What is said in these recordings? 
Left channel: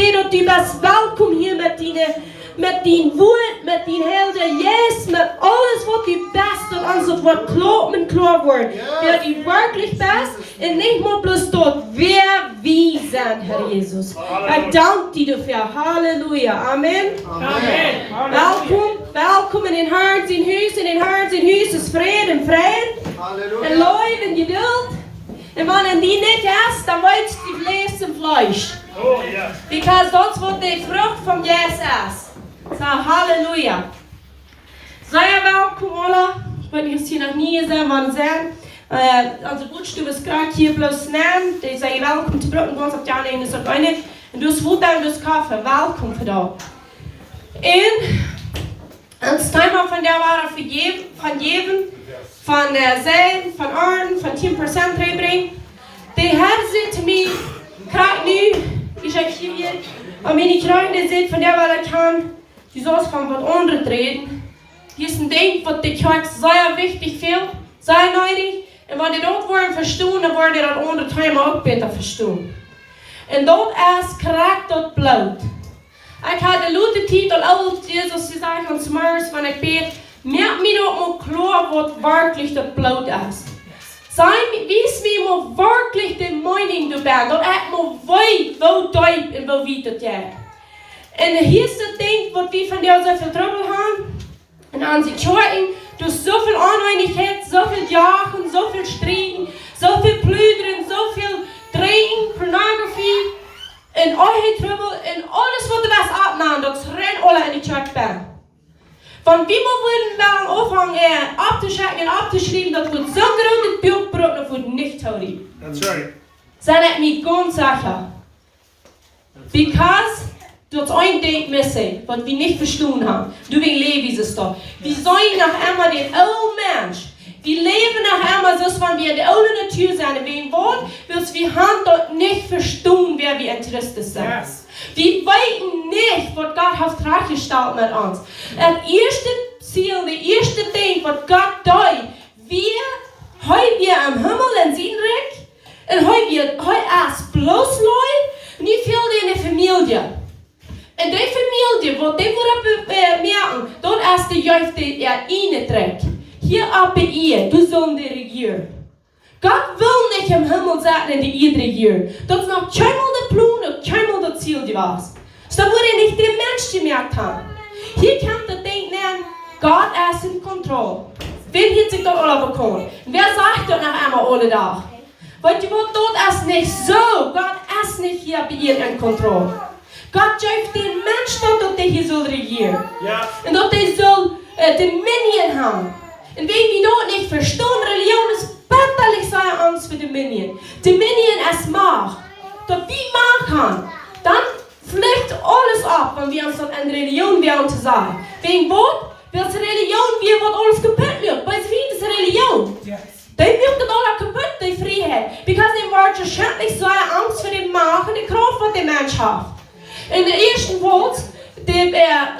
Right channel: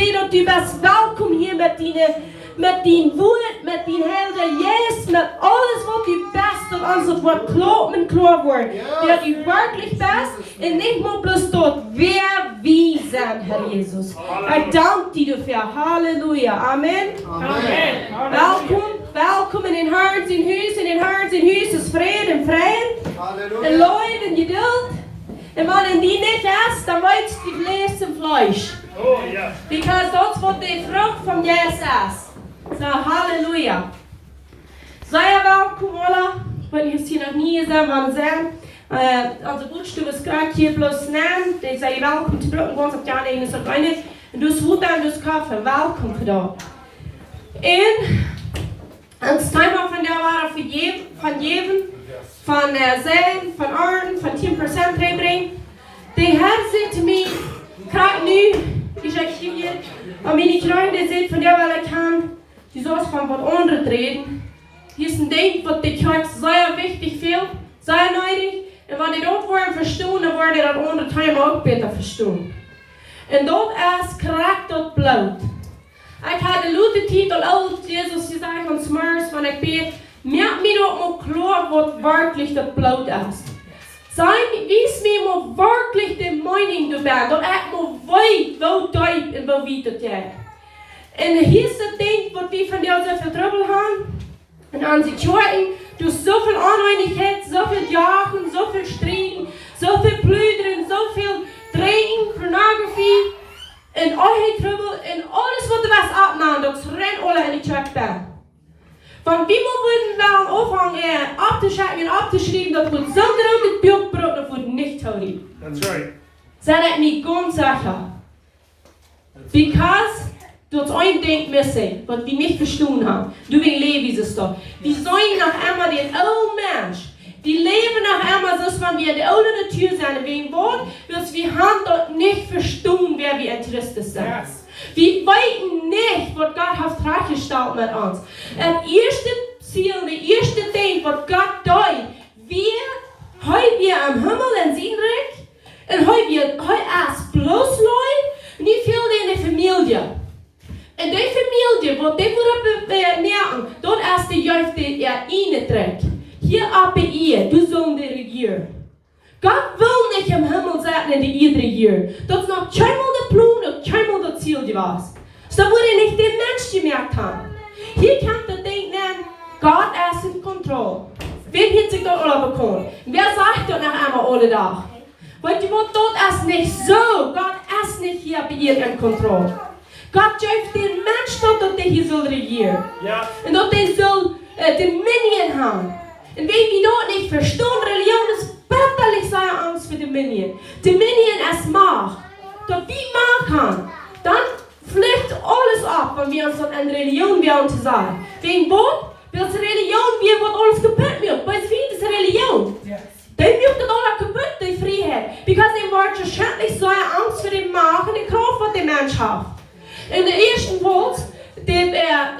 bete, du bist willkommen hier mit deinem Wut, mit deinem Helden, Jesus, mit alles, was du bist und uns das Wort klar wird. Wer du wirklich bist und nicht nur bloß dort, wer wir sind, Herr Jesus. Ich danke dir dafür. Halleluja. Amen. Amen. Welkom in den Herrn, in den Herrn, is vrede en vrede. En Leute en geduld. En wanneer die niet is, dan wordt die vlees en vlees. Because that's what the frucht van Jezus is. So, halleluja. Sehr welkom alle. Ich wollte jetzt hier noch nie sagen, wann sein. Also Brutstube ist gerade hier bloß nehmen. Die sagen, welkom zu Brücken, was auf der einen ist auch eine. Und du hast Wut und du hast Kaffee. Welkom für da. Und das Thema von der war von jedem, von Sein, von Arten, von 10% reinbringen. Der Herr sagt zu mir, gerade nu, ich hier, und meine Freunde sind von der, weil er kann, die soll von was anderes reden. Hier ist ein Ding, was die Kirche sehr wichtig viel, sehr nötig. Und wenn die dort wollen verstehen, dann wollen die das andere Thema auch besser verstehen. Und dort ist korrekt dort Blut. Ich habe den lauten Titel aus Jesus gesagt und Smurs, wenn ich bete, merkt mir doch mal klar, was wirklich das Blut ist. Wies mir mal wirklich die Meinung du bist, dass ich mal weiß, wo tief und wo weit das geht. Und hier ist das Ding, was wir von dir so viel Trouble haben. Und an sich Kirchen, du hast so viel Uneinigkeit, so viel Jagen, so viel Streiten, so viel Plündern, so viel Drehen, Pornografie. En eure Trouble, en alles wat er was abmachen, dat rennt alle in die Kirche bij. Van wie we würden wel anfangen abzuschrecken und abzuschreiben, dat wordt so groot Bild braucht, dat wordt nicht houden. That's right. Zijn ik niet ganz sicher. Because dat ein Ding missen, wat wir nicht verstanden haben. Du wegen Levi ist da. Wir sollen nach einmal den alten Mensch. Wir leben nach einmal so, wenn wir die alte Natur sind. Wegen Wort, bis wir haben dort nicht verstanden, wer wir in Christus sind. Yes. Wir weiten nicht, was Gott hat freigestellt mit uns. Das erste Ziel, das erste Ding, was Gott tut, wir am Himmel in Sienreich, und wir erst bloß Leute, nicht viel in der Familie. In der Familie, wo die merken, dort ist die Jüfte, die eine trägt. Hier ab bei ihr, du sollst die regieren. Gott will nicht im Himmel sein, in die Erde regieren. Das ist noch keinmal der Plan und keinmal das Ziel, die was. So würde nicht der Mensch gemerkt haben. Hier kann das Ding nennen, Gott ist in Kontrolle. Wer hat sich dort alle bekommen? Wer sagt dort nach einmal alle da? Weil du dort ist nicht so. Gott ist nicht hier bei ihr in Kontrolle. Gott gibt den Menschen dort, dass der hier soll regieren. Ja. Und dass der soll Dominion haben. Und wenn wir dort nicht verstehen, Religion ist bitterlich seine Angst für Dominion. Dominion ist Macht. Dass wir Macht haben, dann fliegt alles ab, wenn wir uns an Religion werden zu sagen. Wegen Wort, weil es Religion wird, was alles kaputt wird. Weil es ist Religion. Yes. Die wird das alles kaputt, die Freiheit. Because die wird wahrscheinlich so eine Angst für die Macht und die Kraft, die der Mensch hat. In der ersten Wort, der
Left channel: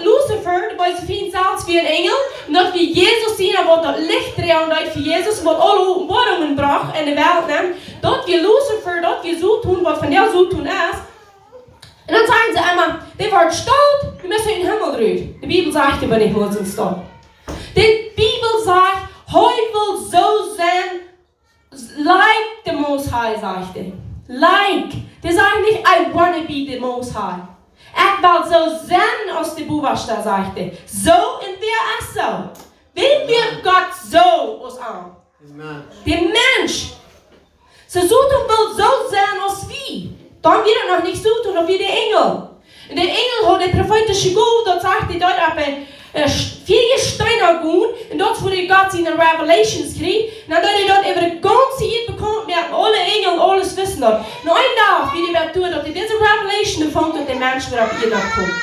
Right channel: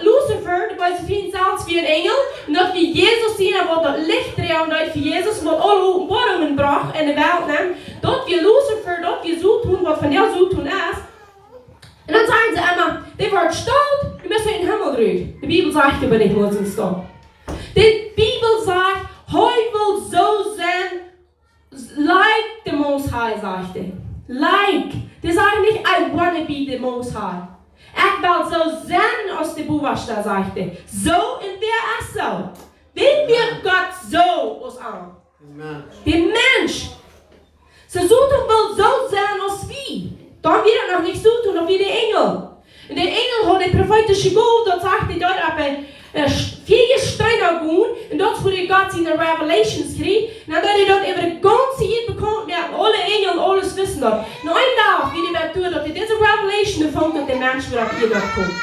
Lucifer, der so viel selbst wie ein Engel, und dass wir Jesus sehen, er wird das Licht drehen für Jesus, was alle Openbarungen brach in der Welt nehmen, dort wir Lucifer, dort wir so tun, was von der so tun ist. Und dann sagen sie immer, der wird stolz, wir müssen in den Himmel drehen. Die Bibel sagt aber nicht, muss uns da. Die Bibel sagt, heute will so sein, like the Most High, sagt er. Like. Die sagen nicht, I wanna be the Most High. Ich will so sein aus der Buchstabe, sagt er. So und wer ist so? Wen wird Gott so aus an? Der Mensch. So tun will so sein als wir. Dann wird er noch nicht so tun, wie der Engel. Und der Engel hat der prophetische Gott, dort sagt er dort aber 4 Steine gut, und dort wurde Gott seine Revelations kriegt, und dann hat er dort über die ganze Zeit bekommen, mit alle Engel und alles wissen dort. Nur ein Tag, wie die Natur, dass er diese Revelation empfängt, und der Mensch wieder auf ihr dort kommt.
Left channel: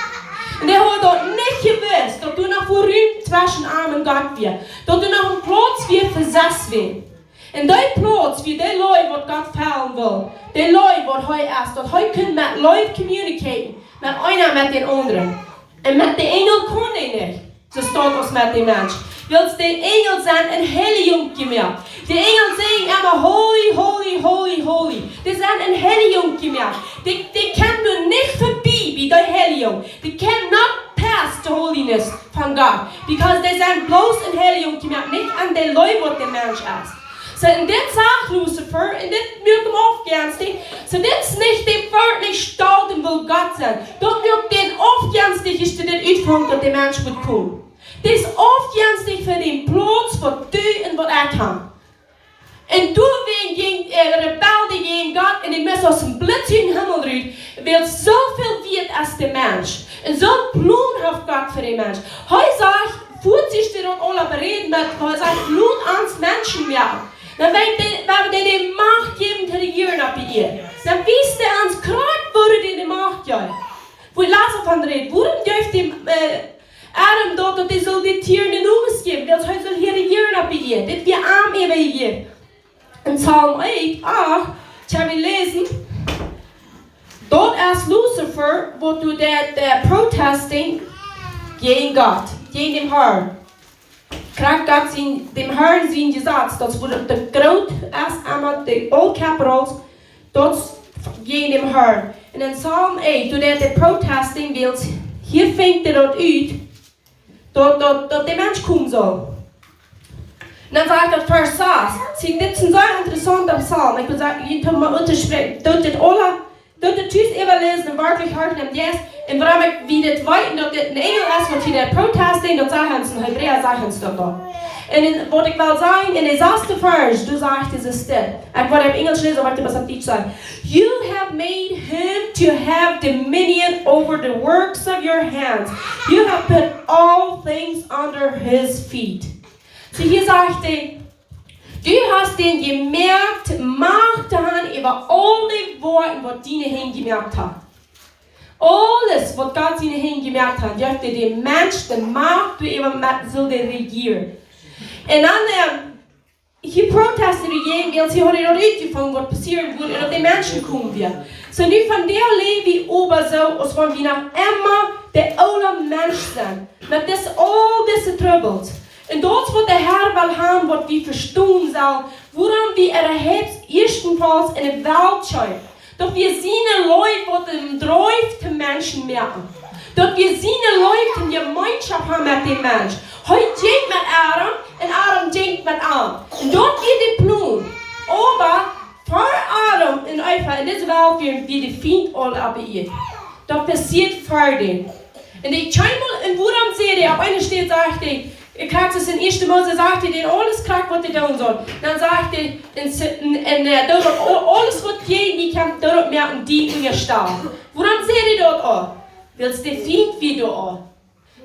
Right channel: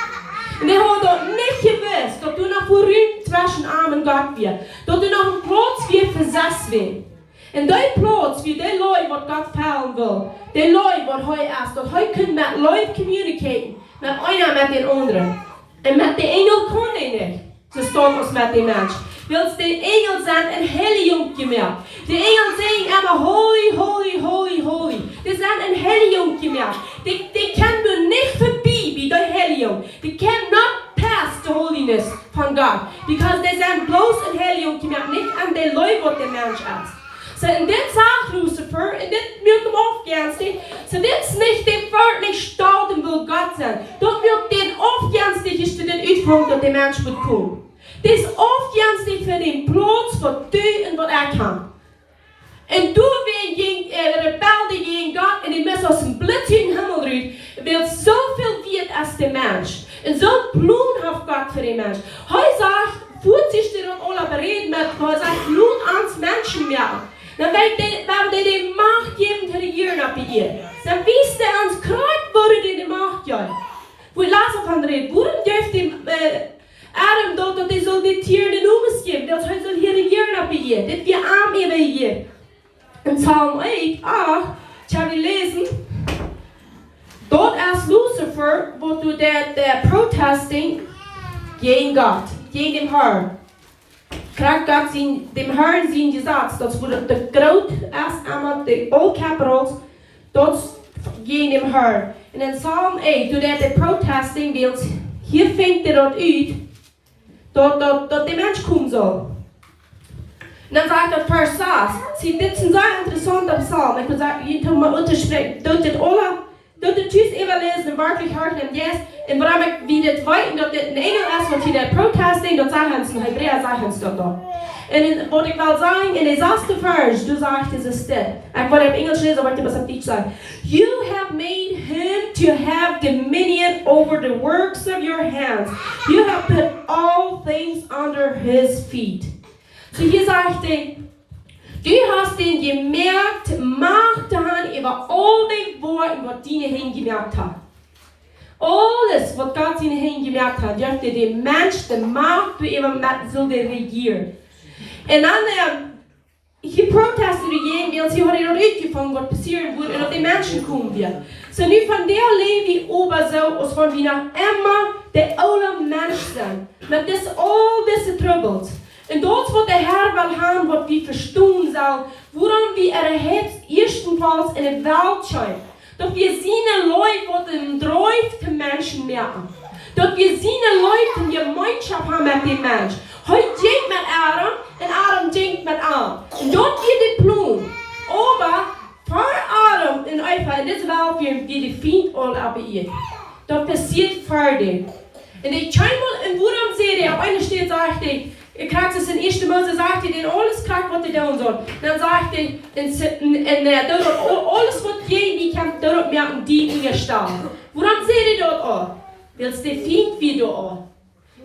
Und er hat dort nicht gewusst, dass du noch berühmt zwischen Arm und Gott wirst, dass du noch einen Platz wie versetzt wirst. Und der Platz, wie der Leute, was Gott fällen will, der Leute, was heute ist, dass heute können mit Leuten kommunizieren, mit einer mit den anderen. Und mit den Engel kann er nicht. So steht es mit dem Mensch. Weil die Engel sind ein Helium gemerkt. Die Engel sagen immer holy, holy, holy, holy. Die sind ein Helium gemerkt. Die können du nicht vorbei, Heiligung. They cannot pass the holiness von Gott. Because they sind bloß in Heiligung gemacht, nicht an den Leuten, was der Mensch ist. So, und das sagt Lucifer, und das wird ihm aufgernstlich, so das ist nicht dem wirklich stolz und will Gott sein. Das wird den aufgernstlich, ist den Utfang, dass der Mensch wird kommen. Das ist aufgernstlich für den Platz, was du und was kann. Und du wegen Rebelde gegen Gott, und die müssen aus dem Blitz in den Himmel rühren, weil so viel wird als der Mensch. Und so Blut hat Gott für den Mensch. Heute sagt, fühlt sich der und alle bereden mit, weil sagt, Blut ans Menschen werden. Dan werden die macht geben te regieren op je. Dan wist hij ons kruid worden die de macht geven. Wo laat van reden. Waarom geeft hij Adam dat hij zal die tieren de noemes geven? Dat hij zal hier regieren op je. Dit wir arm even hier. In Psalm 8, ich habe gelesen, dort als Lucifer, wo du der protesting gegen Gott, gegen den Herrn. Krijgt Gott dem Herrn zijn gesagt, dat wurde de groot erst einmal de old capitals, dat gegen dem Herrn. En in Psalm 8, toen de protesting wilt, hier fängt dat uit, dat de mens komen zal. En dan sagt dat vers 6, zie, dit is een zeer interessante psalm. Ik wil zeggen, je kunt maar uitspreken, dat dit alle, dat dit thuis even lezen en werkelijk hard neemt, yes. En waarom ik wie dit weet, dat dit een engel is, wat hier de protesting, dat zeggen ze in Hebreeën, zeggen ze dat. En wat ik wil zeggen, in de 6e vers, du zegt het is dit. Ik wil het in Engels lezen, maar ik wil het op Duits zeggen. You have made him to have dominion over the works of your hands. You have put all things under his feet. So hier zegt hij, du hast den gemerkt, Macht daran über alle Worte, was deine Hände gemerkt hat. Alles, was Gott seine Hände gemerkt hat, dürfte der Mensch, der Macht, über so regieren. Und dann, hier protestet dagegen, weil sie heute noch uitgefangen, was passieren wird, und dass die Menschen kommen werden. So nu von der Levi ober so, als wenn wir noch immer der oude Mensch sind, mit all diese Troubles. Und dort, wo der Herr will haben, was wir verstehen sollen, woran wir erhebt, erstenfalls in der Welt schauen. Doch wir sehen Leute, die den Drive der Menschen merken. Doch wir sehen Leute, die Gemeinschaft haben mit dem Mensch. Heute denkt mit Adam und Adam denkt mit Adam. Und dort geht die Plaun. Aber vor Adam und einfach in dieser Welt werden wir die Feind alle ab ihr. Das passiert vor dem. Und ich schau mal, und woran sehe ich, auf einer steht, sagt ich kriegt es in 1. Mose, sagt er, den alles kriegt, was er tun soll. Dann sagt er, alles, was die kann, dort merken, die in ihr Stahl. Woran seht ihr dort an? Willst du Feind wie du an?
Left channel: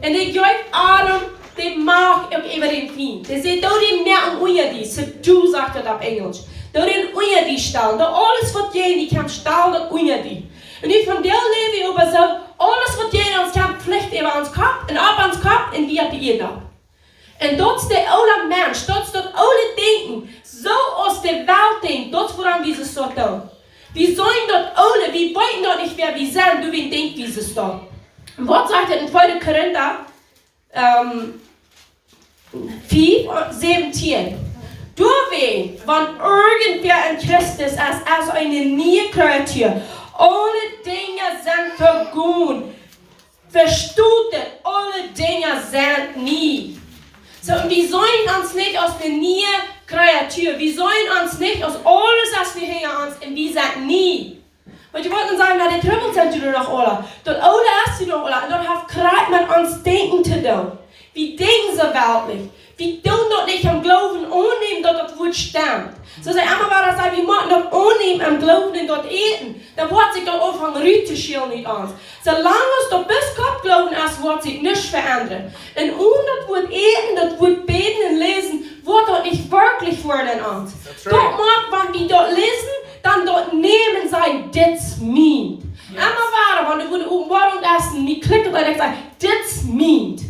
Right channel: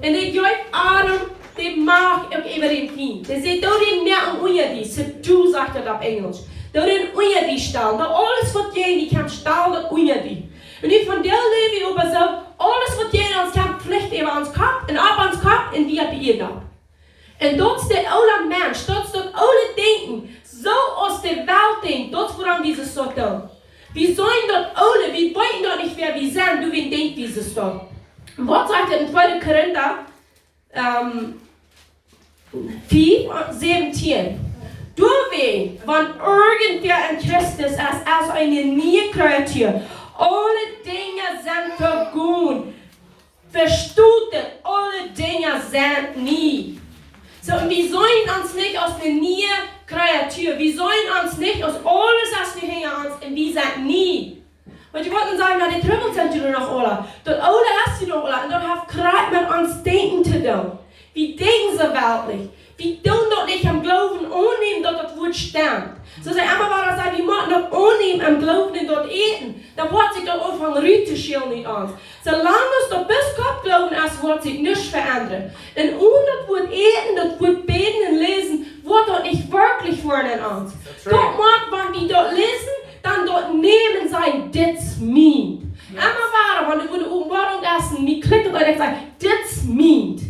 Und ich gebe Adam, der mag auch über den Feind. Der sagt, dort merken, unter die, so du sagt er auf Englisch. Dort unter die Stahl. Dort alles, was die kann, Stahl, dort unter die. Und ich von der Leben über so, alles, was die uns kann, Pflicht über uns Kopf, und ab uns Kopf, und wir die ihr da. En dat is de oude mens, dat is dat oude denken. Zo als de Welt denkt, dat is waarom we ze zo doen. We zijn dat oude, we weten dat niet wer we zijn, du we denken wie ze staan. Wat zegt er in 2. Korinther 4:17? Door wen, want irgendwer in Christus ist als eine neue Kreatur. Alle Dinge sind vergehen. Versteht, alle Dinge sind nie. So, und wir sollen uns nicht aus der neuen Kreatur, wir sollen uns nicht aus alles, was wir hängen uns, und wir sind nie. Und ich wollte sagen, die Trümmel sind du noch alle. Dort alle hast du noch alle, und dort hat gerade mit uns denken zu tun. Wir denken so weltlich. Wir tun dort nicht am Glauben annehmen, dass das Wort stimmt. So sei einmal war das, wir machen dort annehmen am Glauben und dort eten. Dann wird sich dort anfangen, rützuschillen nicht an. Solange es dort bis Gott glauben ist, wird sich nichts verändern. Und ohne das Wort eten, das Wort beten und lesen, wird dort nicht wirklich werden an. Dort mag, wenn wir dort lesen, dann dort nehmen sein, das meint. Einmal war wenn du oben Wort und essen, die klicken und ich sage, das meint.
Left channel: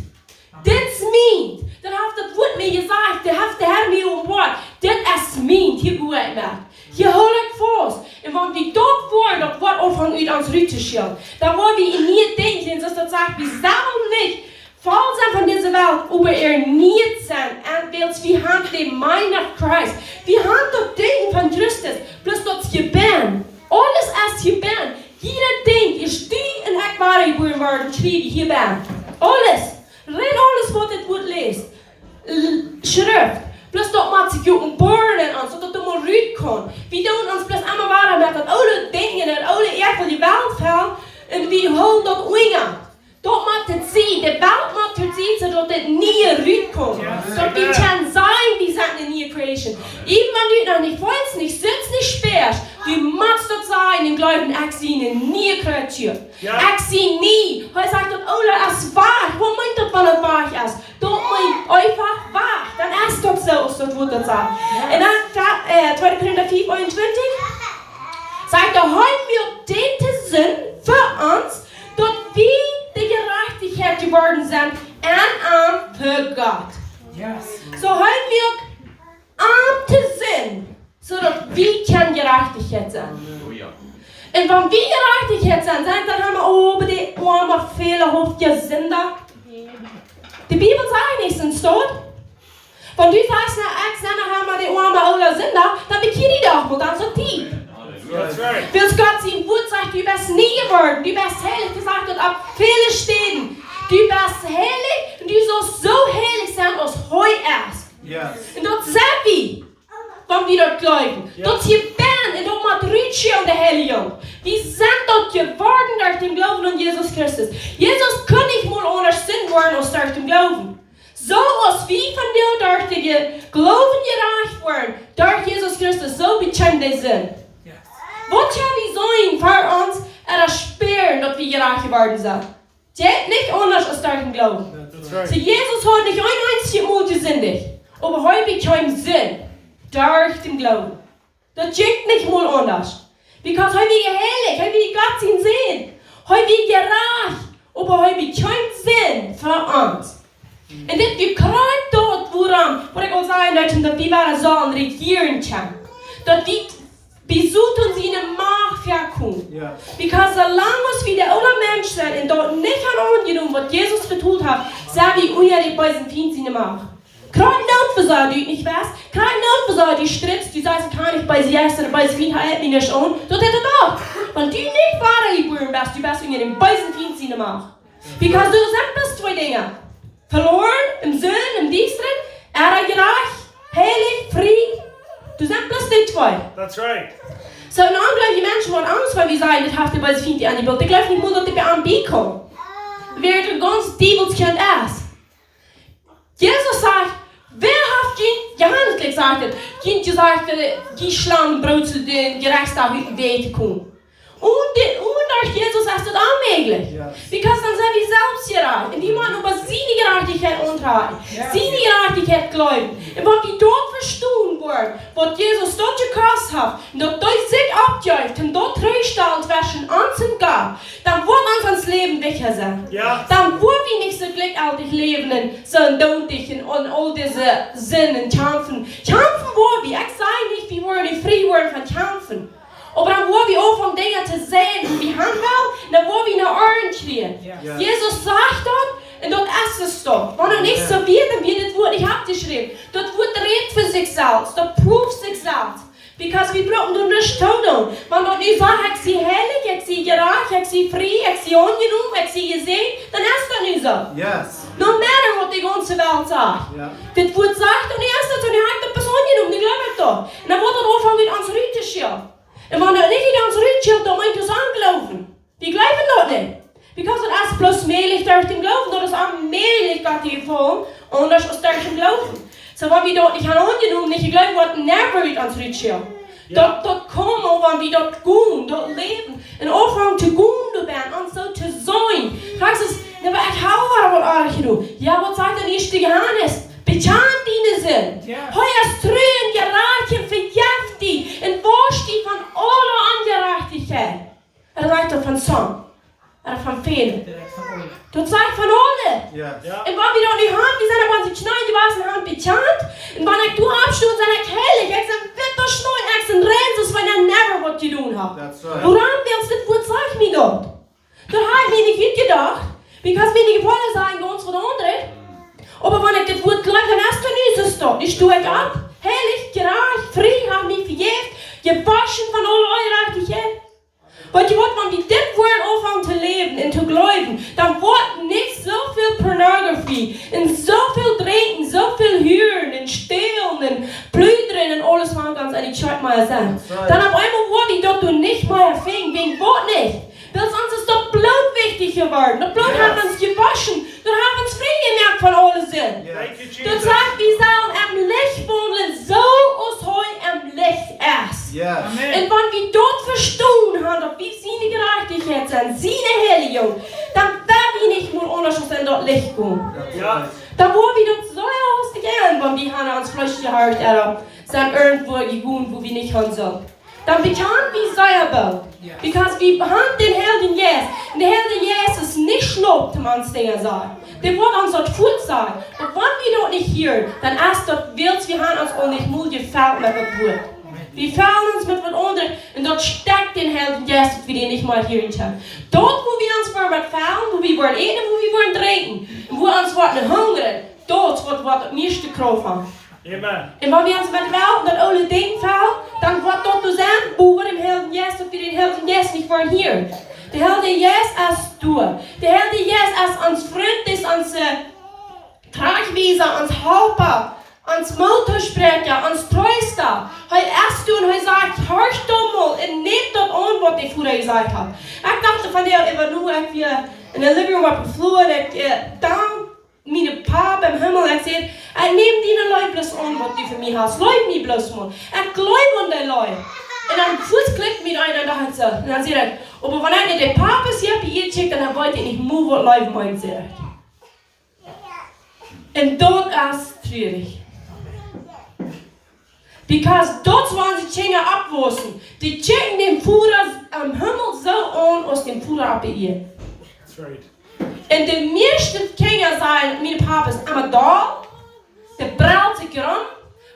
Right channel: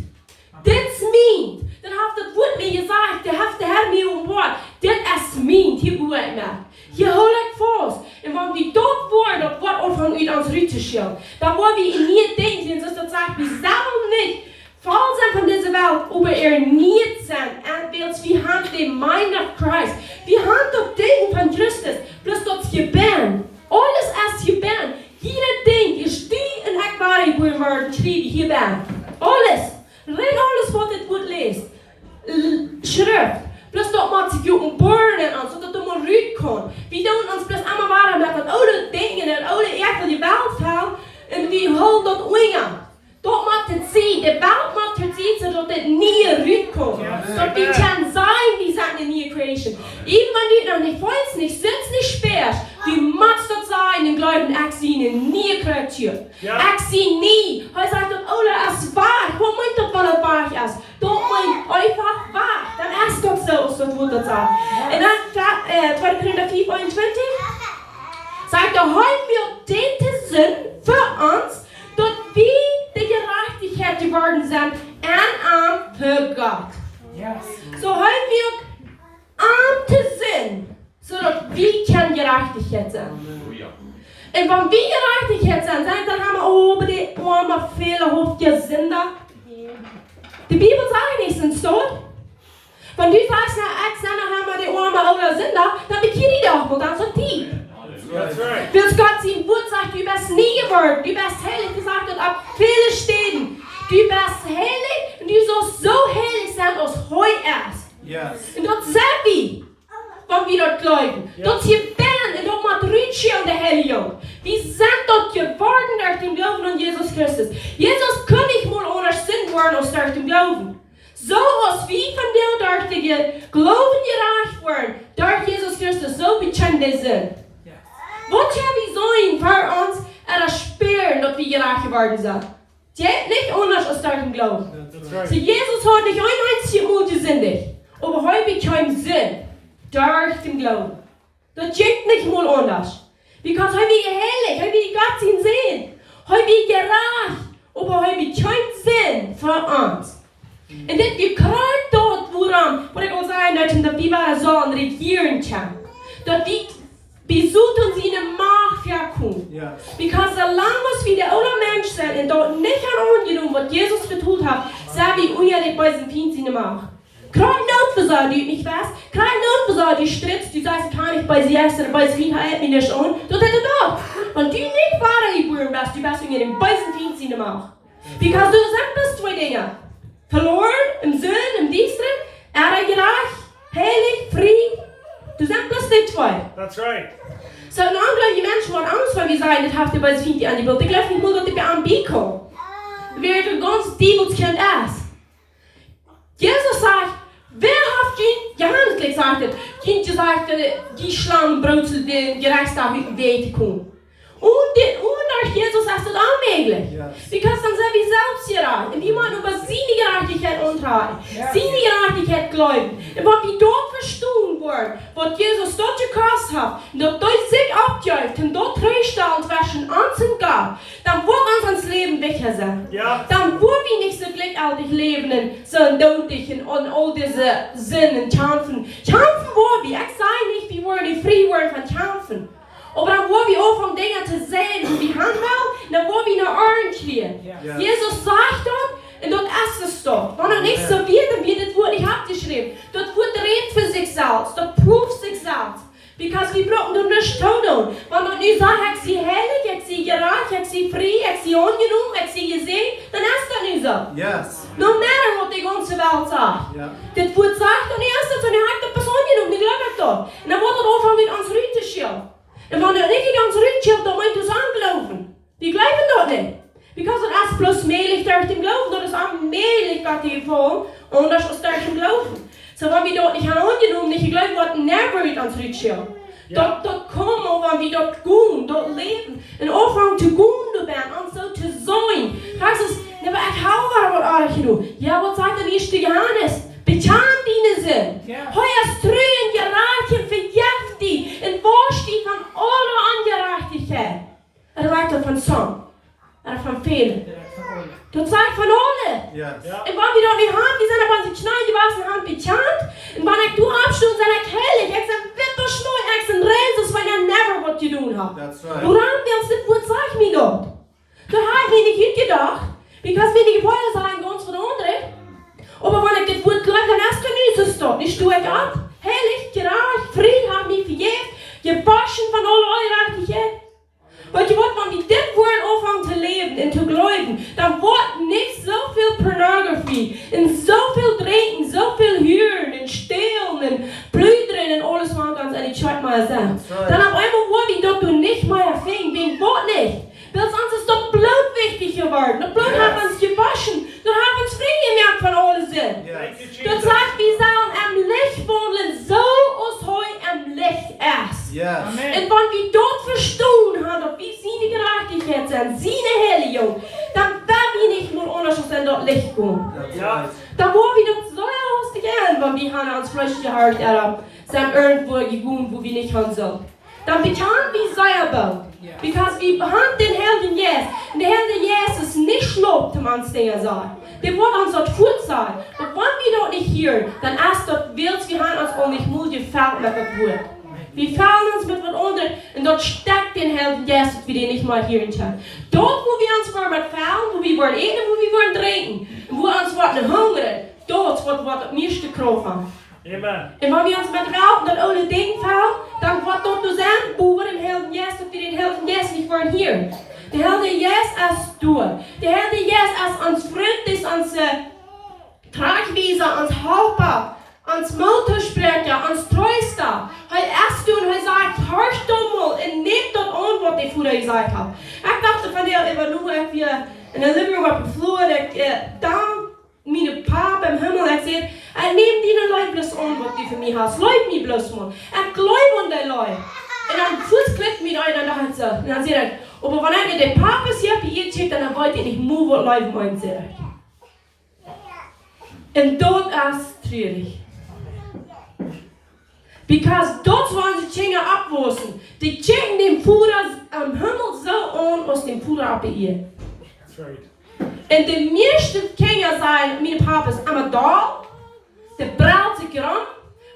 Das meint. Dann hat das Wort mir gesagt, der hat der Herr mir Wort. Das meint, hier gut mehr. Hier hol ich fast. Und wenn wir dort wollen, das Wort auch von uns rützuschillen, dann wollen wir in nie denken, dass das sagt, wir sollen nicht voll sein von dieser Welt, aber nicht sein. Und wir haben den Mind of Christ. Wir haben das Denken von Christus, bloß das Gebären. Alles als Gebären. Jeder Ding ist die und ich war geboren worden, kriegen hier ben. Alles. Rein alles, was das Wort liest. Schrift. Plus dat maakt zich ook een burden aan, zodat het maar ruit kan. We doen ons plus allemaal waren met dat oude dingen en oude echt van die welvaart. En we houden dat wingen. Dat maakt het zien. De welt maakt het zien, zodat het niet ruit kan. Dat we kan zijn, we zijn een nieuwe creation. Even wanneer je nog niet weet, niet sinds, niet speert. Du machst dat zijn en geloven, ik zie een nieuwe creatuur. Ik zie niet. Hij zegt dat oude is waar. Wat meint dat wel het waar is? Dat meint einfach waar. Dan is dat zo, dat wordt dat zijn. En dan 2 Korinther 4:21 zegt hij wil dit zin voor ons, dat we de gerechtigheid geworden zijn en aan voor God. Zo hij wil aan te zijn, zodat we kan gerechtigheid zijn. En van wie gerechtigheid zijn, dan hebben we over die arme vele hoofdjes zinder. De Bibel zegt niet in stoot. Van du sagst, ik zijn nog die arme oude zinder, dan ben je niet op, want dan is het diep. Wil Gott zien woord zegt, du bist nie geworden, du bist heilig, du sagt dat op vele steden. Du bist heilig en du sollst so heilig sein, als Heu ist. En dat zijn we, van wie dat geloven. Dat je bent en dat maakt rutje aan de Heilige. We zijn dat geworden door het geloven aan Jezus Christus. Jezus kan niet meer ondersteund worden als door het geloven. Zoals we van deel door te geloven gerecht worden, door Jezus Christus, zo bekend we zijn. Wat gaan we zijn voor ons er speren dat we gerecht geworden zijn? Het is niet anders als door het geloven. So Jezus had niet een einzige Mal gesündigt, aber hij bekam zin door het geloven. Dat is niet mal anders. Because hij wil heilig, hij wil Gott zien. Hij wil gerecht, aber hij bekam zin voor ons. En dit gekruid dat waarom, wat ik al zei, dat we waren zo aan regieren kan. Dat we bezoeken ons in de macht verkomen. Because zolang als we de oude mens zijn en dat niet gaan aangenomen wat Jezus getoeld heeft, zijn we onjährig bij zijn vriend in de macht. Kein Notversorger, die nicht weiß, kein Notversorger, die stritzt, die sagt, kann ich bei sie essen, bei sie hält mich nicht an. Das hätte doch. Wenn du nicht Vater geboren bist, du bist in den bösen Dienst in der Macht. Because du sind zwei Dinge. Verloren, im Sinn, im Dienst drin, gerecht, heilig, frei. Du sind bloß die zwei. That's right. So, ein ungläubige Mensch hat Angst, wenn wir sagen, das hat die böse Dienst an die Welt. Ich glaube nicht nur, dass die bei einem kommen. Wer der ganz Dievelskind ist. Jesus sagt, wer hat Johannes gesagt, Kind gesagt, die Schlangenbrot zu den Gerechtstag weten kon. Und durch Jesus ist das unmöglich. Because dann sind wir selbst gerecht. Und wir müssen über seine Gerechtigkeit unterhalten. Seine Gerechtigkeit glauben. Und wenn wir dort verstehen wollen, was Jesus dort gekostet hat, und dort durch sich abjäuft und dort Treustand zwischen uns und Gott, dann wird uns Leben wichtiger sein. Dann wollen wir nicht so glücklich leben und so undotig und all diese Sinnen kämpfen. Kämpfen wollen wir. Ich sage nicht, wir wollen nicht frei werden von Kämpfen. Aber dann wollen wir anfangen, Dinge zu sehen, wie wir haben wollen, dann wollen wir nach Ohren kriegen. Jesus sagt das, und dort ist es doch. Wenn er nicht so wird, dann wird das Wort nicht abgeschrieben. Das Wort redet für sich selbst, das prüft sich selbst. Because wir brauchen das nicht tun. Wenn er nicht sagt, ich sehe heilig, ich sehe gerecht, ich sehe frei, ich sehe angenommen, ich sehe gesehen, dann ist das nicht so. No matter what die ganze Welt sagt. Das Wort sagt, dann ist das, und er hat das angenommen, ich glaube das. Und dann wird er anfangen, mit uns Rüte zu schieben. En wanneer ik niet ons rutje, dan moet je ons aangeloven. Die geloven dat niet. Because het is plus meelig door te geloven, dat is aanmelig dat die vol, anders als door te geloven. So wenn wir dort nicht angenomen, nicht geloven, wordt never uit ons rutje. Dat komen, wanneer we dat doen, dat leven. En overgang te doen ben, en zo te zijn. Kijk eens, nou ik hou wel wat aardig gedaan. Ja, wat zegt de eerste Johannes? Betjaan dienen zin. Hij is treun, geraakt en verjeft die. En wascht die van alle ongerechtigheid. Er lijkt dat van zon. Er van velen. Dat zegt van alle. En wat we dan niet hebben, die zijn er van zich snijden, die was hand betjaand. En wanneer ik doe afstoot, zijn ik heilig. Ik zeg, witte schnoei, ik zeg, renzes, van je never wat je doen hebt. Waarom willst du dit zeg me dat? Dat heb ik niet uitgedacht. Because we die gevallen zijn, ganz van de anderen. Aber wenn ich das Wort gleich, dann hast du nicht so stehen. Ich stehe ab, heilig, gerecht, frei, habe mich verjährt, gewaschen von aller Ungerechtigkeit. Weil du weißt, wenn wir das Wort anfangen zu leben und zu glauben, dann wird nicht so viel Pornografie, und so viel Trinken, so viel Hören, und Stehlen, und Blüdern, und alles was ganz ehrlich, schaut mal sein. Dann auf einmal wird die dort nicht mehr fing, wegen Wort nicht. Weil sonst ist doch Blut wichtig geworden. Das Blut hat uns gewaschen. Dann haben wir uns frei gemerkt von allen Sinn. Du sagst, wir sollen am Licht wohnen, so uns heute am Licht ist. Und wenn wir dort verstanden haben, dass wir seine Gerechtigkeit sind, seine Heiligung, dann werden wir nicht nur anders als in dort Licht gehen. Dann wollen wir dort so lustig an, wenn wir haben uns Fleisch gehört oder sind irgendwo gegangen, wo wir nicht hin sollen. Dann bekannt wir selber. Because wir haben den Helden Jesus. Und der Helden Jesus ist nicht schlimm, wenn man es Dinge sagt. Der wird uns dort gut sein. Und wenn wir dort nicht hören, dann erst dort willst wir haben uns auch nicht Mut gefällt mit dem Wort. Wir fällen uns mit was anderem und dort steckt den Helden Jesus, wir den nicht mal hören können. Dort, wo wir uns mit fällen, wo wir wollen essen, wo wir wollen trinken, und wo wir uns hungern, dort wird wir das meiste Kraft haben. Amen. Und wenn wir uns mit Welt und das alle Dinge fällen, dann wird dort nur sein, wo wir den Helden Jesus, ob wir den Helden Jesus nicht wollen hören. Der Helden Jesus ist du. Der Helden Jesus ist uns Freund, ist uns Tragwieser, uns Helper, uns Motorsprecher, uns Treuster. Heute erst du und heute sagt, hörst du mal und nehmt dort an, was die vorher gesagt haben. Ich dachte von der Evaluierung, ich wir in der Living Room auf dem Flur, da meine Papa im Himmel, ich sehe, ich nehme die Leute bloß an, was du für mich hast. Leute mich bloß mal. Ich glaube an die Leute. Und dann Fuß klickt mich rein und dann so. Und dann sagt er, aber wenn ich den Papa hier bei ihr schickt, dann wollte ich nicht mehr, was Leute meinen, sagt. Und dort ist traurig. Because dort wollen sie Dinge abwursten. Die checken den Führer am Himmel so an, aus dem Führer ab bei ihr. That's right. Und die meisten Kinder sagen, mein Papa ist einmal da, der braucht sich rum.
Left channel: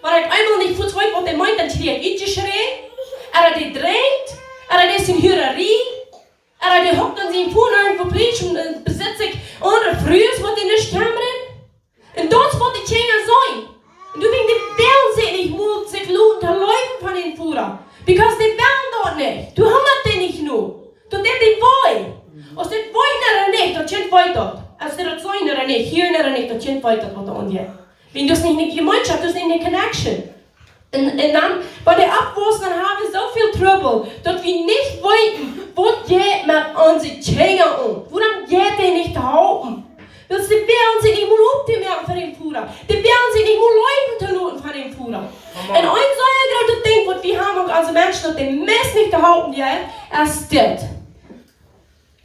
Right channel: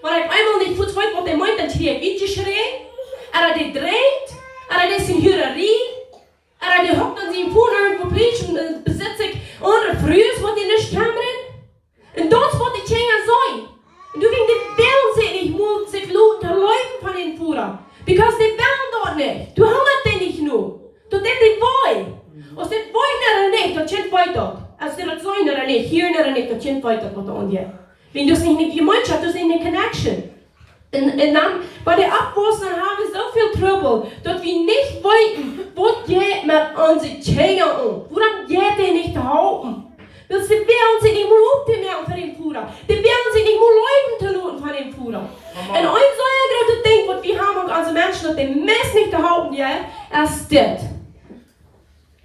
Wenn ich einmal nicht gut weiß, was der meint, dann schrie ich geschrien. Er die drängt, er ist in Hürerie, die hockt an seinen Fuhren irgendwo predigt und besitzt sich andere Frühes, was die nicht kämmern. Und dort wird die Kinder sein. Und du wegen die wollen sich nicht Mut, sich lohnt, zu laufen von den Führern. Because die wollen dort nicht. Du hungert die nicht nur. Du denkst, die wollen. Als dit wollen nicht, dat kind weiter. Als dit dat zijn nicht, hier nicht, dat kind weiter wat aan je. Wenn du es nicht in die Gemeinschaft, du es nicht in die Connection. Und dann, bei der Abwurst, dann haben wir so viel Trouble, dass wir nicht wollten, wo geht mit unseren Kindern um. Woran geht der nicht halten? Weil sie werden sich nicht mal aufmerken von dem Führer. Die werden sich nicht mal Leuten zu lassen von dem Führer. Und ein solcher großer Ding, was wir haben als Menschen, dass die Mess nicht gehalten wird, ist das.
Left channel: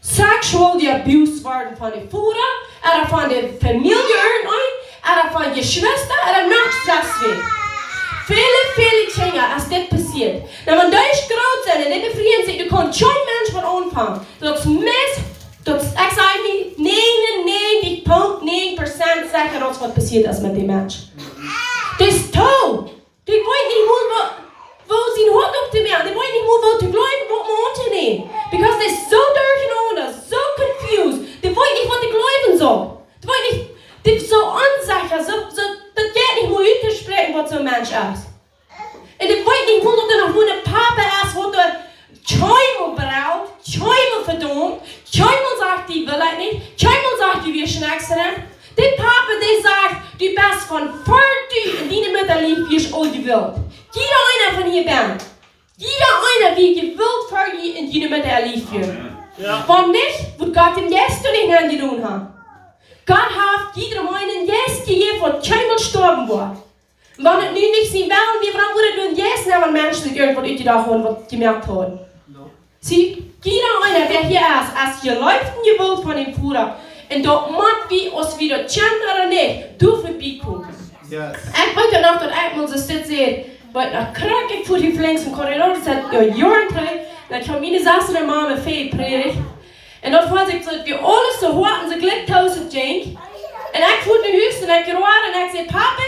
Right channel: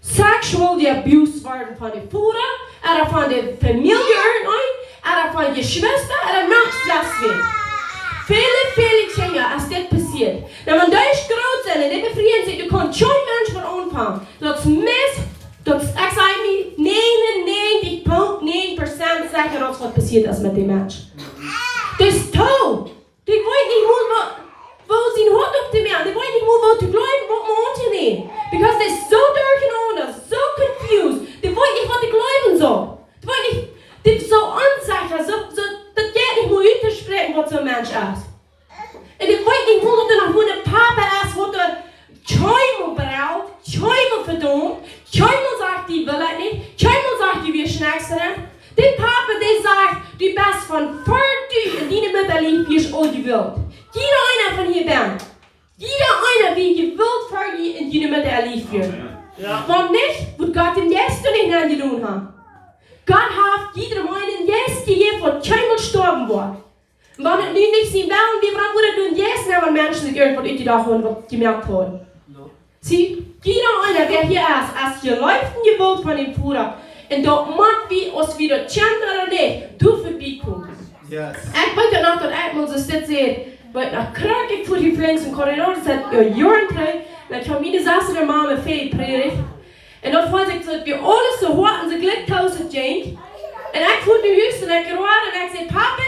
Sexual abuse worden von den Führer, oder von der Familie oder von Geschwistern, oder noch das. Viele Dinge, als das passiert. Wenn man durch groß sind und die befrieren sich, du kannst schon Menschen mit anfangen. Das Mist, ich sage nicht 99.9% sicher, was passiert ist mit dem Menschen. Das ist tot. Die wollen nicht mehr, wo sie einen Hund auf dem Meer, die wollen nicht mehr, wo zu bleiben, wo man unternehmen. Because they're so durcheinander, so confused. Die wollen nicht, was die glauben soll. Die wollen nicht, die sind so unsicher, das geht nicht mehr auszusprechen, was so ein Mensch ist. Und die wollen nicht mehr, dass du noch ein Papa ist, wo du Schäumel braucht, Schäumel verdammt, Schäumel sagt, die will ich nicht, Schäumel sagt, die wir schnacksen. Der Papa, der sagt, du bist von 40 und deine Mutter liebt, wie ich all die Welt. Jeder einer von hier bin. Jeder einer, wie gewillt für die in deine Mutter liebt wird. Warum nicht? Wird Gott ihm jetzt nicht angetan haben. Gott hat jeder einen jetzt gegeben, wo keiner sterben wird. Und wenn es nicht sein will, wie warum würde du jetzt nicht, wenn Menschen sich irgendwo ausgedacht haben, was gemerkt haben? Sie, jeder einer, der hier ist geläuft und gewollt von dem Führer. Und dort mag wir uns wieder kennen oder nicht, du vorbeikommen. Yes. Ich wollte noch, dass ich mal so sehen, weil nach Krankheit vor die Flanks im Korridor, das hat ja Jahren drin, dann kam meine Sasse der Mama viel predigt. Und dort fand ich so, wir alles so hatten, so glücktausend Jink. Und ich fuhr den Hüsten und ich gerufen und ich sagte, Papa,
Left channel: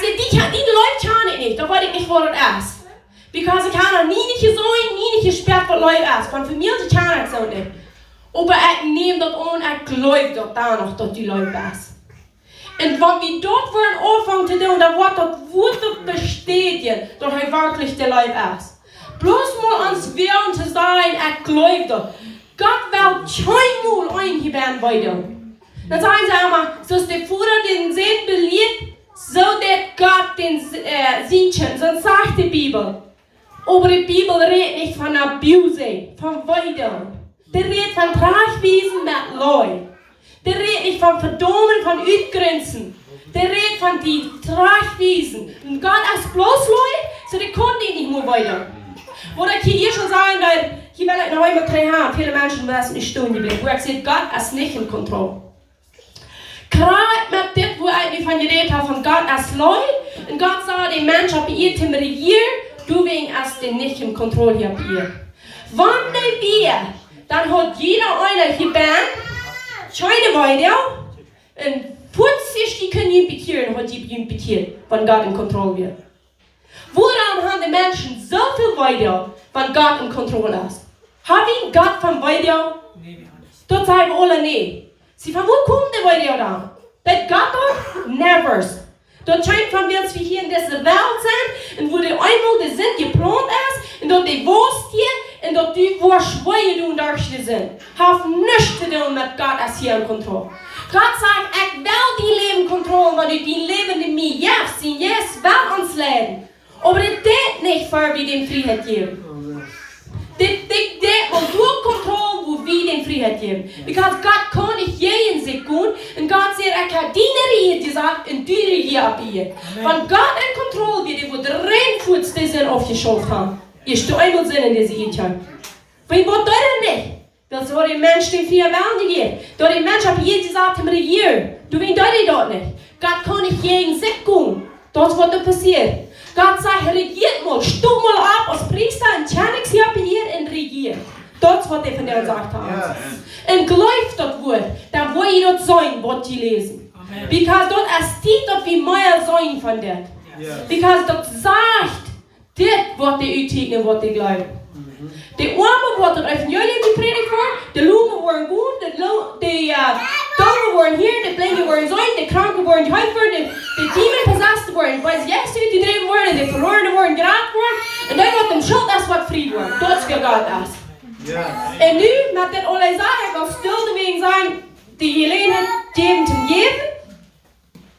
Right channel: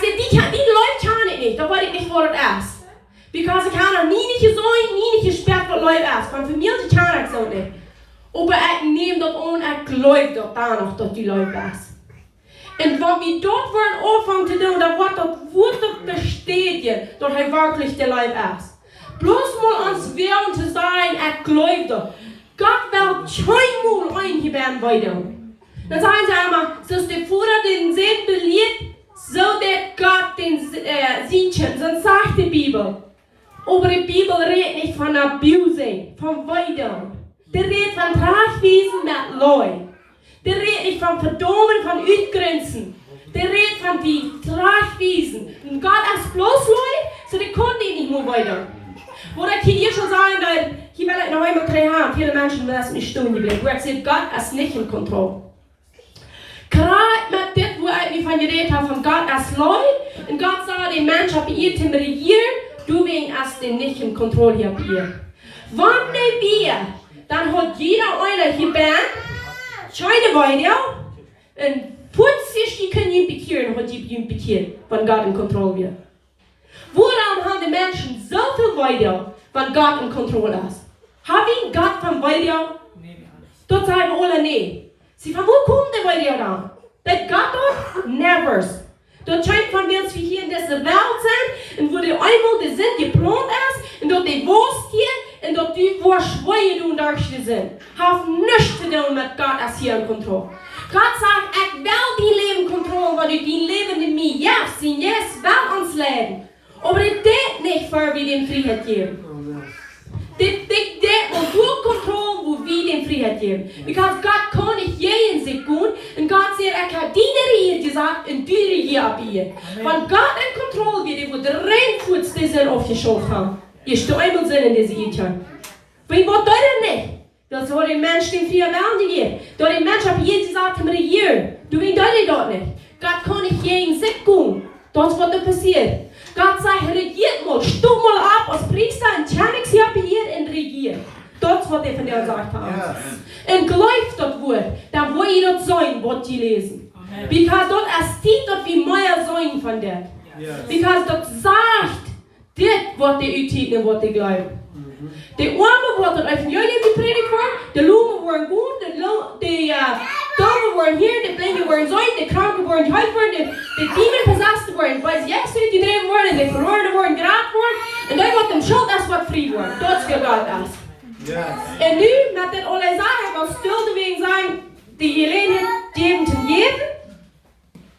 die Leute kann ich nicht, da weiß ich nicht, wo das ist. Because ich kann auch nie nicht gesehen, nie nicht gesperrt, was Leute ist. Von für mich kann ich so nicht. Aber ich nehme das an, ich glaube dort noch, dass die Leute ist. Und wenn wir dort anfangen zu tun, dann wird das Wort bestätigen, dass er wirklich der Leib ist. Bloß mal ans Willen zu sein, ich glaube das. Gott will keinmal eingeben weiter. Dann sagen sie einmal, so ist der Vater den Sinn beliebt, so dass Gott den Sienchen. Sonst sagt die Bibel. Aber die Bibel redet nicht von Abuse, von Weidung. Die redet von Tragwiesen mit Leuten. Die redet nicht von Verdummen, von Utgrenzen. Die redet von die Tragwiesen. Und Gott ist bloß Leute, so die konnten nicht mehr weiter. Wo ich hier schon sagen, hier will ich noch einmal 3 Jahre, viele Menschen lassen nicht stehen geblieben, wo ich sehe, Gott ist nicht in Kontrolle. Gerade mit dem, wo ich mich von geredet habe, von Gott als Leute, und Gott sagt, der Mensch hat ihr Tim regiert, du wegen hast den nicht in Kontrolle hier. Wann wir, dann hat jeder einer hier Band, scheine weiter, und plötzlich die können ihn bekehren, hat die ihn bekehrt, wenn Gott in Kontrolle wird. Woran haben die Menschen so viel weiter, wenn Gott in Kontrolle ist? Haben Gott von weiter? Dort sagen wir alle nicht. Sie von wo kommt der weiter da? Das Gott dort? Never. Dort scheint von wir, dass wir hier in dieser Welt sind, und wo der einmal der Sinn geplant ist, und dort die Wurst hier, und dort die Schweine du und Darste sind. Hab nichts zu tun mit Gott als hier in Kontrolle. Gott sagt, ich will die Leben Kontrolle, weil du die Leben in mir jetzt sind, jetzt will uns leben. Aber das geht nicht, für wir den Freiheit geben. Das geht um nur Kontrolle, wo wir den Freiheit geben. Because Gott kann nicht jeden sich tun, und Gott sagt, ich habe die gesagt, und die hier abgehen. Wenn Gott in Kontrolle wird, wo der Reinfuß die sind aufgeschaut haben, ist du einmal Sinn in diese Ehe. Wie wird das denn nicht? Das war der Mensch, den 4 Wellen gegeben. Da der Mensch hat hier gesagt, im Regier. Du willst das dort nicht. Gott kann nicht jeden sich tun. Das wird passiert. Gott sagt, regiert mal, stumm mal ab als Priester und tjänix hier und regiert. Das wird er von dir gesagt haben. Yes. Und glaubt das Wort, dann will ihr das sein, was die lesen. Amen. Because dort steht dort wie mehr sein von dir. Yes. Because dort sagt, das wird die Utügen, was die glauben. Die Armen wird das Evangelium gepredigt worden, die Lumen werden gut, die Doofen werden hier, die Blinde werden sein, die Kranken werden geheilt worden, die Dämonen possessed werden, weil sie jetzt gedreht werden, die Verlorenen werden geraten worden, und dann wird dem Schuld das wird frei werden. Das geht Gott aus. Yes. Und nu, met dit alle zeggen, ik wil stil wegen sein, die Gelegenheit geben zum jeden,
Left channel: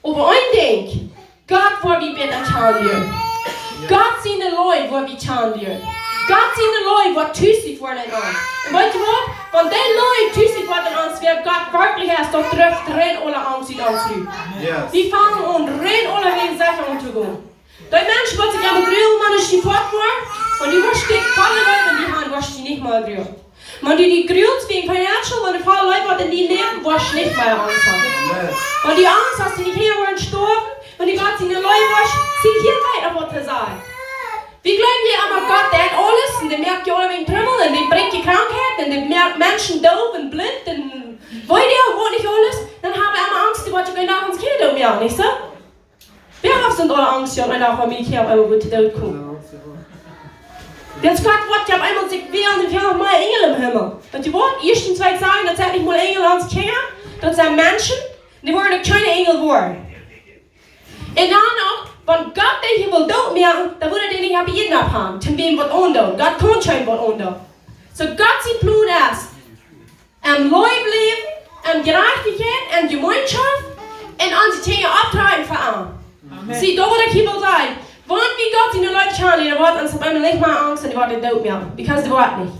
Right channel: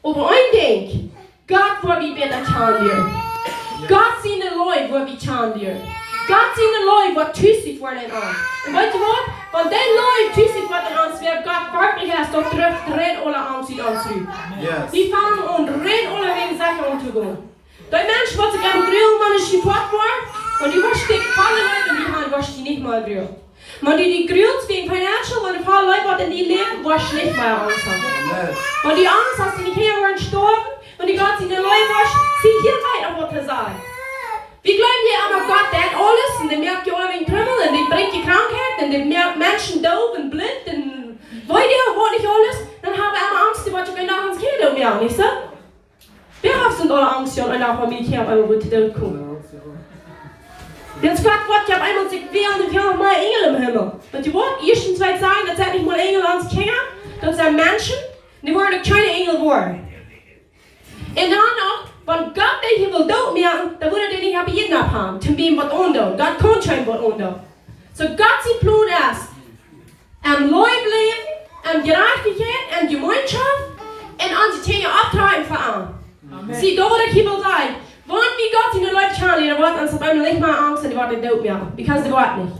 aber ein Ding, Gott wo wir wieder schauen wir. Gott sieht die Leute, wo wir schauen wir. Gott sieht die Leute, die tüßig werden an. Und weißt du was? Wenn die Leute tüßig werden an, wer Gott wirklich ist, dann trifft rein alle Angst in uns rüber. Yes. Die fangen an, rein alle wegen Sachen umzugehen. Die Menschen, die sich am Grill, man ist die fort waren, und die waschen die Falle Leute, und die haben waschen die nicht mal Grill. Man die grills wegen Financial, wenn die Falle Leute, die in leben, waschen nicht mehr Angst haben. Weil die Angst, dass die hier werden sterben, und die Gott in den Leuten waschen, sie hier weiter was zu sagen. Wir glauben hier aber Gott, der hat alles, und der merkt ja alle wegen Trümmel, und der bringt die Krankheit, und der merkt Menschen doof und blind, und wollt ihr, wo nicht alles, dann haben wir immer Angst, die wollen gleich nach uns Kind um, ja, nicht so? Wir haben alle Angst, ja, und auch Familie, aber wo die dort kommen. Jetzt Gott wird ja einmal sich wehren, und wir haben mal Engel im Himmel. Und die wollen erstens sagen, das sind nicht mal Engel ans Kinder, das sind Menschen, die wollen keine Engel werden. Und dann auch, wenn Gott den Himmel dort machen, dann würde er nicht jeden abhaben. Zum wem wird unter. Gott kann schon was unter. So Gott sieht Blut erst. Am Leben, am Gerechtigkeit, am Gemeinschaft und an die Dinge abtreiben für alle. Sie dort der Himmel sein. Wenn wie Gott in die Leute schauen, dann wird uns auf einmal nicht mal Angst, und die werden dort machen. Because die wird nicht.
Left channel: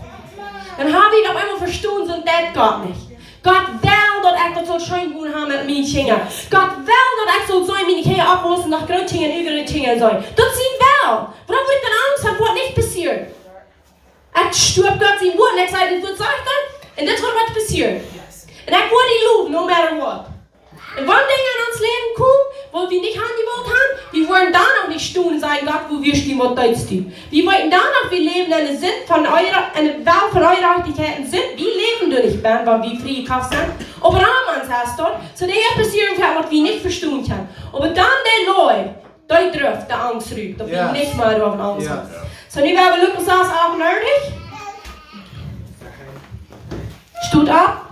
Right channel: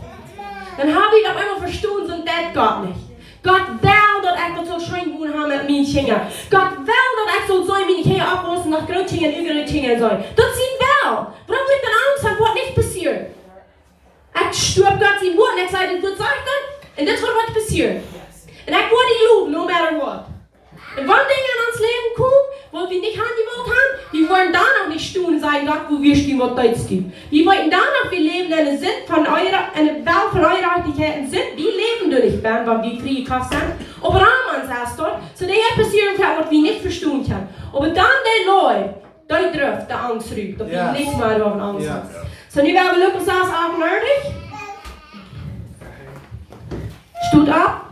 Dann haben wir auf einmal verstanden, so das Gott nicht. Gott will, dass ich das so schön gut haben mit meinen Kindern. Gott will, dass ich so meine Kinder abrüsten nach großen und übrigen Dingen soll. Das sieht will. Warum wird dann Angst haben, was nicht passiert? Ich stirb Gott sein Wort, und ich sage, das wird sagen, und das wird was passieren. Und ich will die loben, no matter what. Und wenn Dinge in uns Leben kommen, wo wir nicht angewollt haben, wir wollen danach nicht tun, sagen Gott, wo wir stehen, was deutsch tun. Wir wollen danach, wir leben in einer Welt von Eurachtigkeiten sind, wir leben durch, weil wir frei gekauft sind. Aber Rahmans heißt dort, so der passieren kann, was wir nicht verstehen können. Aber dann die Leute, die trifft der Angst rüber, dass wir nicht mehr auf Angst haben. So, nu werden wir Lukas 38. Steht ab.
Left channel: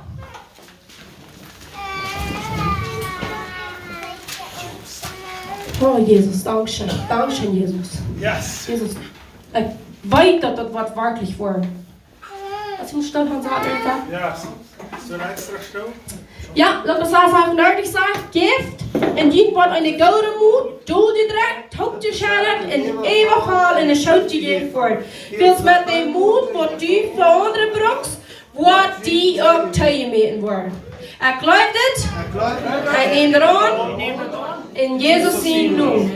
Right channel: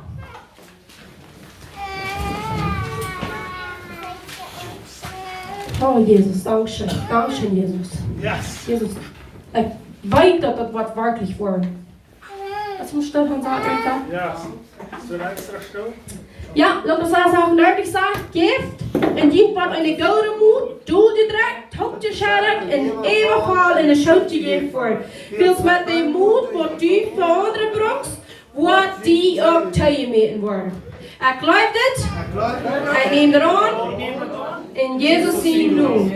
Oh Jesus, Dankeschön, Dankeschön Jesus. Yes. Jesus, ich weiß, dass das was wirklich war. als ich stil gaan zeggen. Ja, so ein extra Stuhl. Ja, laat me zo zeggen, nerdig sagt, gift, en die wordt een gouden moed, doel je direct, hoop je scherp, en eeuwig haal en een schootje geeft voor. Wils met die moed, wat die voor andere broeks, wat die ook tegenmeten worden. Ik geloof dit, ik neem eraan, in Jezus zijn naam.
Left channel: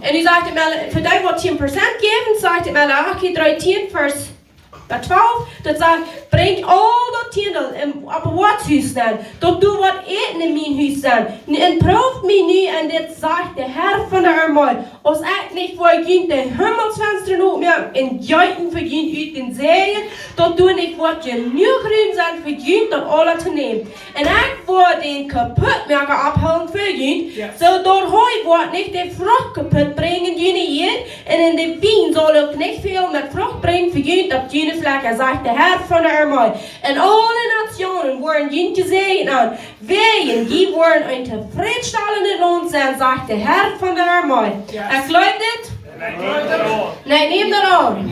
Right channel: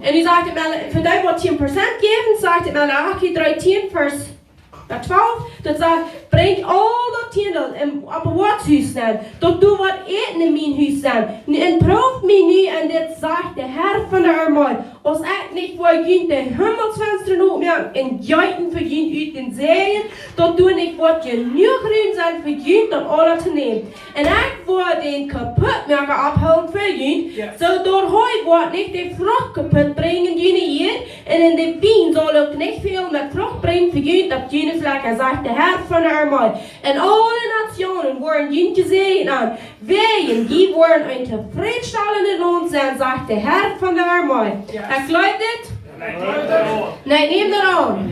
En hij zegt het wel, voor die wat 10% geven, zegt het wel, Aki 13 vers 12, dat zegt, breng al dat tiendel op wat huis dan, dat doe wat eten in mijn huis dan. En proef mij nu, en dit zegt de Heer van de armoede, als ik niet voor je de hemelsvensteren opmerk en juiten voor je uit den zeeën, dat doe ik wat je nu ruim zijn voor je dat alle te nemen. En ik word den kapotmaker afhalen voor je, zodat hij wordt niet de vrucht kapot brengen jullie hier, en in de wien zal ik niet veel met vrucht brengen voor je dat jullie vlekken, zegt de Heer van de armoede. En alle nationen worden jullie gezegend aan. Wij, die worden een tevredenstellende loon zijn, zegt de Heer van de armoede. Ik geloof dit? Nee, neem dat aan.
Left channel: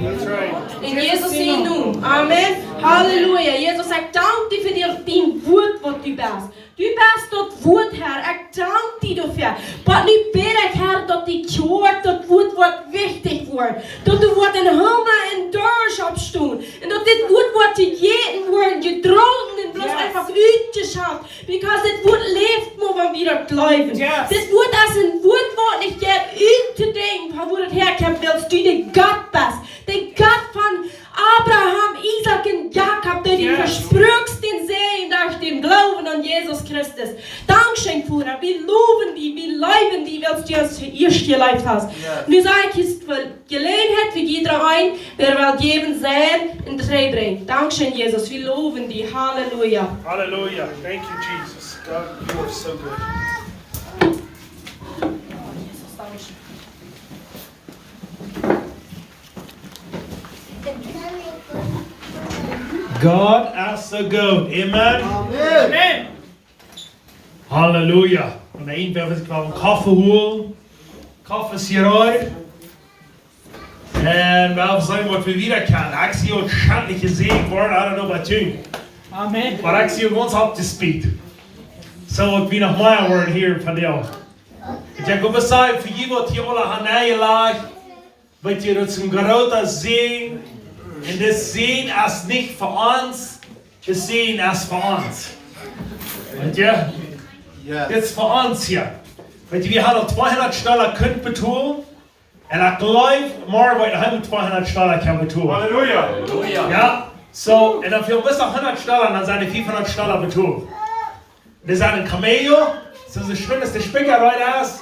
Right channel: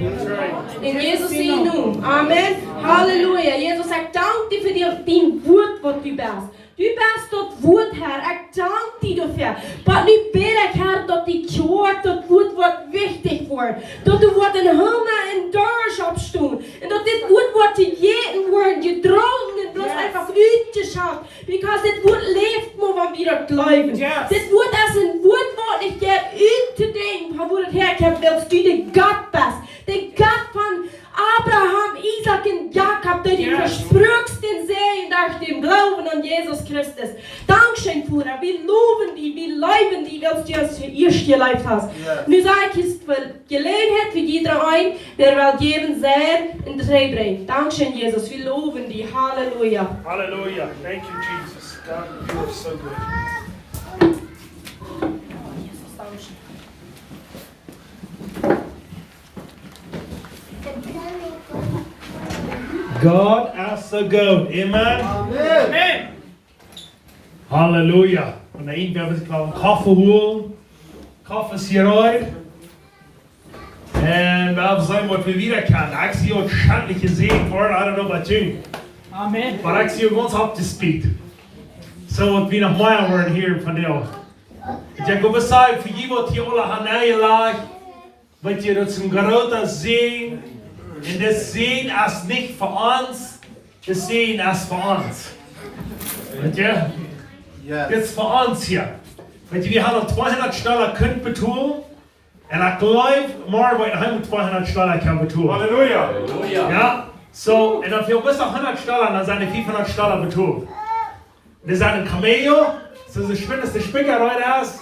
In Jezus zijn naam. Amen. Halleluja. Jezus, ik dank je voor die woord wat u bent. U bent dat woord, Heer. Ik dank je daarvoor. Maar nu bid ik, Heer, dat die woord, dat woord wordt wichtig wordt. Dat er wordt een handen en deurs op staan. En dat dit woord wordt gegeten wordt, gedronken en bloos einfach uitgeschaut. Because dit woord leeft maar van wie dat blijven. Dit woord is een woord wat ik heb uit te denken. Van waar het herkomt, wilst du de God best. De God van Abraham, Isaac en Jacob, dat die versprüchsten zijn durch den Glauben an Jesus Christus. Dankeschön, Vater. Wir loben die, wir leiden die, weil du uns erst gelebt hast. Nu sage ich, es für Gelegenheit für jeder ein, wer will geben sein in das Rei bringen. Dankeschön, Jesus. Wir loben die. Halleluja. Hallelujah. Thank you, Jesus. God, you are so good. Jesus, Dankeschön. God is so good. Amen. Amen. Halleluja. Und der een wil ik wel een koffie holen. Koffie is hieruit. En wel zijn wat we weer kennen. Ik zie ook schandelijk gezegd worden. I don't know about you. Amen. Maar ik zie ook ons up to speed. So ik ben nog maar worden hier van jou. Ik kom bezig voor je wat hier alle hanaaien lag. Wat je dat zo'n grote zee. Und das Sehen ist nicht für uns, das Sehen ist für uns. Und ja, das ist für uns hier. Weil wir haben 200 Stellen können betonen. Und ich glaube, morgen wird wir 200 Stellen können betonen. Halleluja. Ja, so, und dann für bis auf 100 Stellen, dann sind die 500 Stellen betonen. Das ist ein Cameo, so das schönste Spicker heute ist.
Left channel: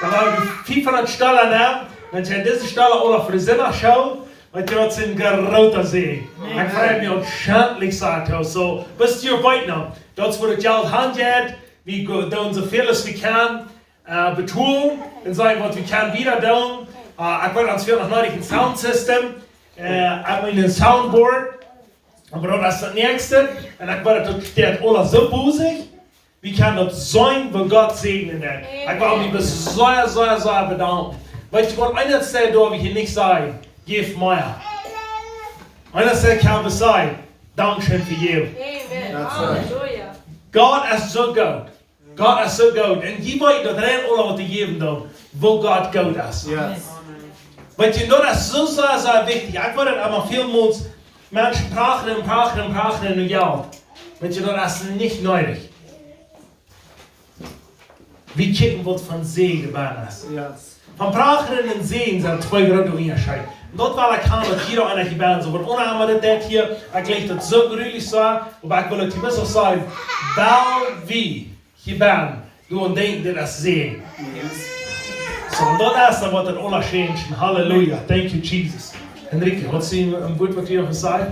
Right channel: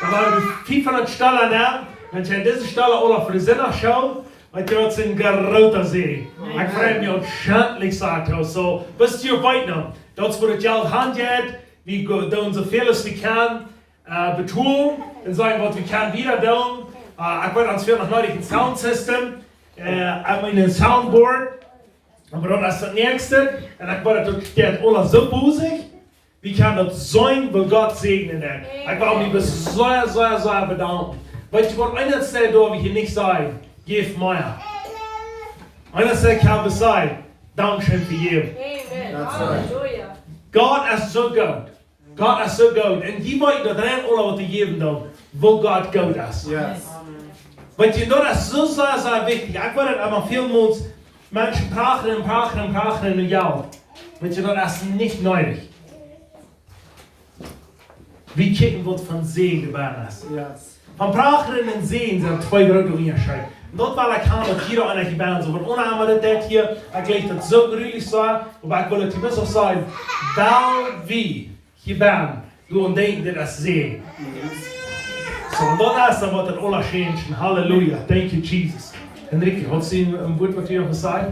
Da waren wir 500 Stellen da. Wenn ich an diese Stelle oder für die Sinnerschau, want je het een grote zee. Ik vreemd me ontzettend zacht. So, bist je weit nog. Dat is wat het geld handelt. We doen zoveel als we kan betonen. En zeggen wat we kan weer doen. Ik weet ons veel nog nodig een soundsystem. Ik heb een soundboard. Maar dat is het nächste. En ik weet dat het alles zo boezig. We kunnen dat zijn voor God zegenen. Ik wil me zeer bedanken. Weet je wat een stel door we hier niet zijn. Geef meer. Einer sagt, kann es sein. Dankeschön für you. Amen. That's right. Halleluja. God is so good. God is so good. En je weet dat er alles wat te geven dan, wo God goed is. Yes. Want je, dat is zo wichtig. Ik weet het immer vielmals, mensen praten in jou. Want je, dat is niet nodig. We kijken wat van zee gebeurd is. Yes. Van praten en zeen zijn twee grote onderscheiden. Dat wil ik gaan dat hier aan het ben. Zo wordt onheimelijk dit hier. Ik leg het zo gruwelijk zo. Maar ik wil het je best wel zeggen. Wel wie je bent. Doe denken dat is zee. Zo, dat is dan wat het onderscheid is. Halleluja. Thank you, Jesus. Enrique, wat zie je een woord wat je nog gezegd?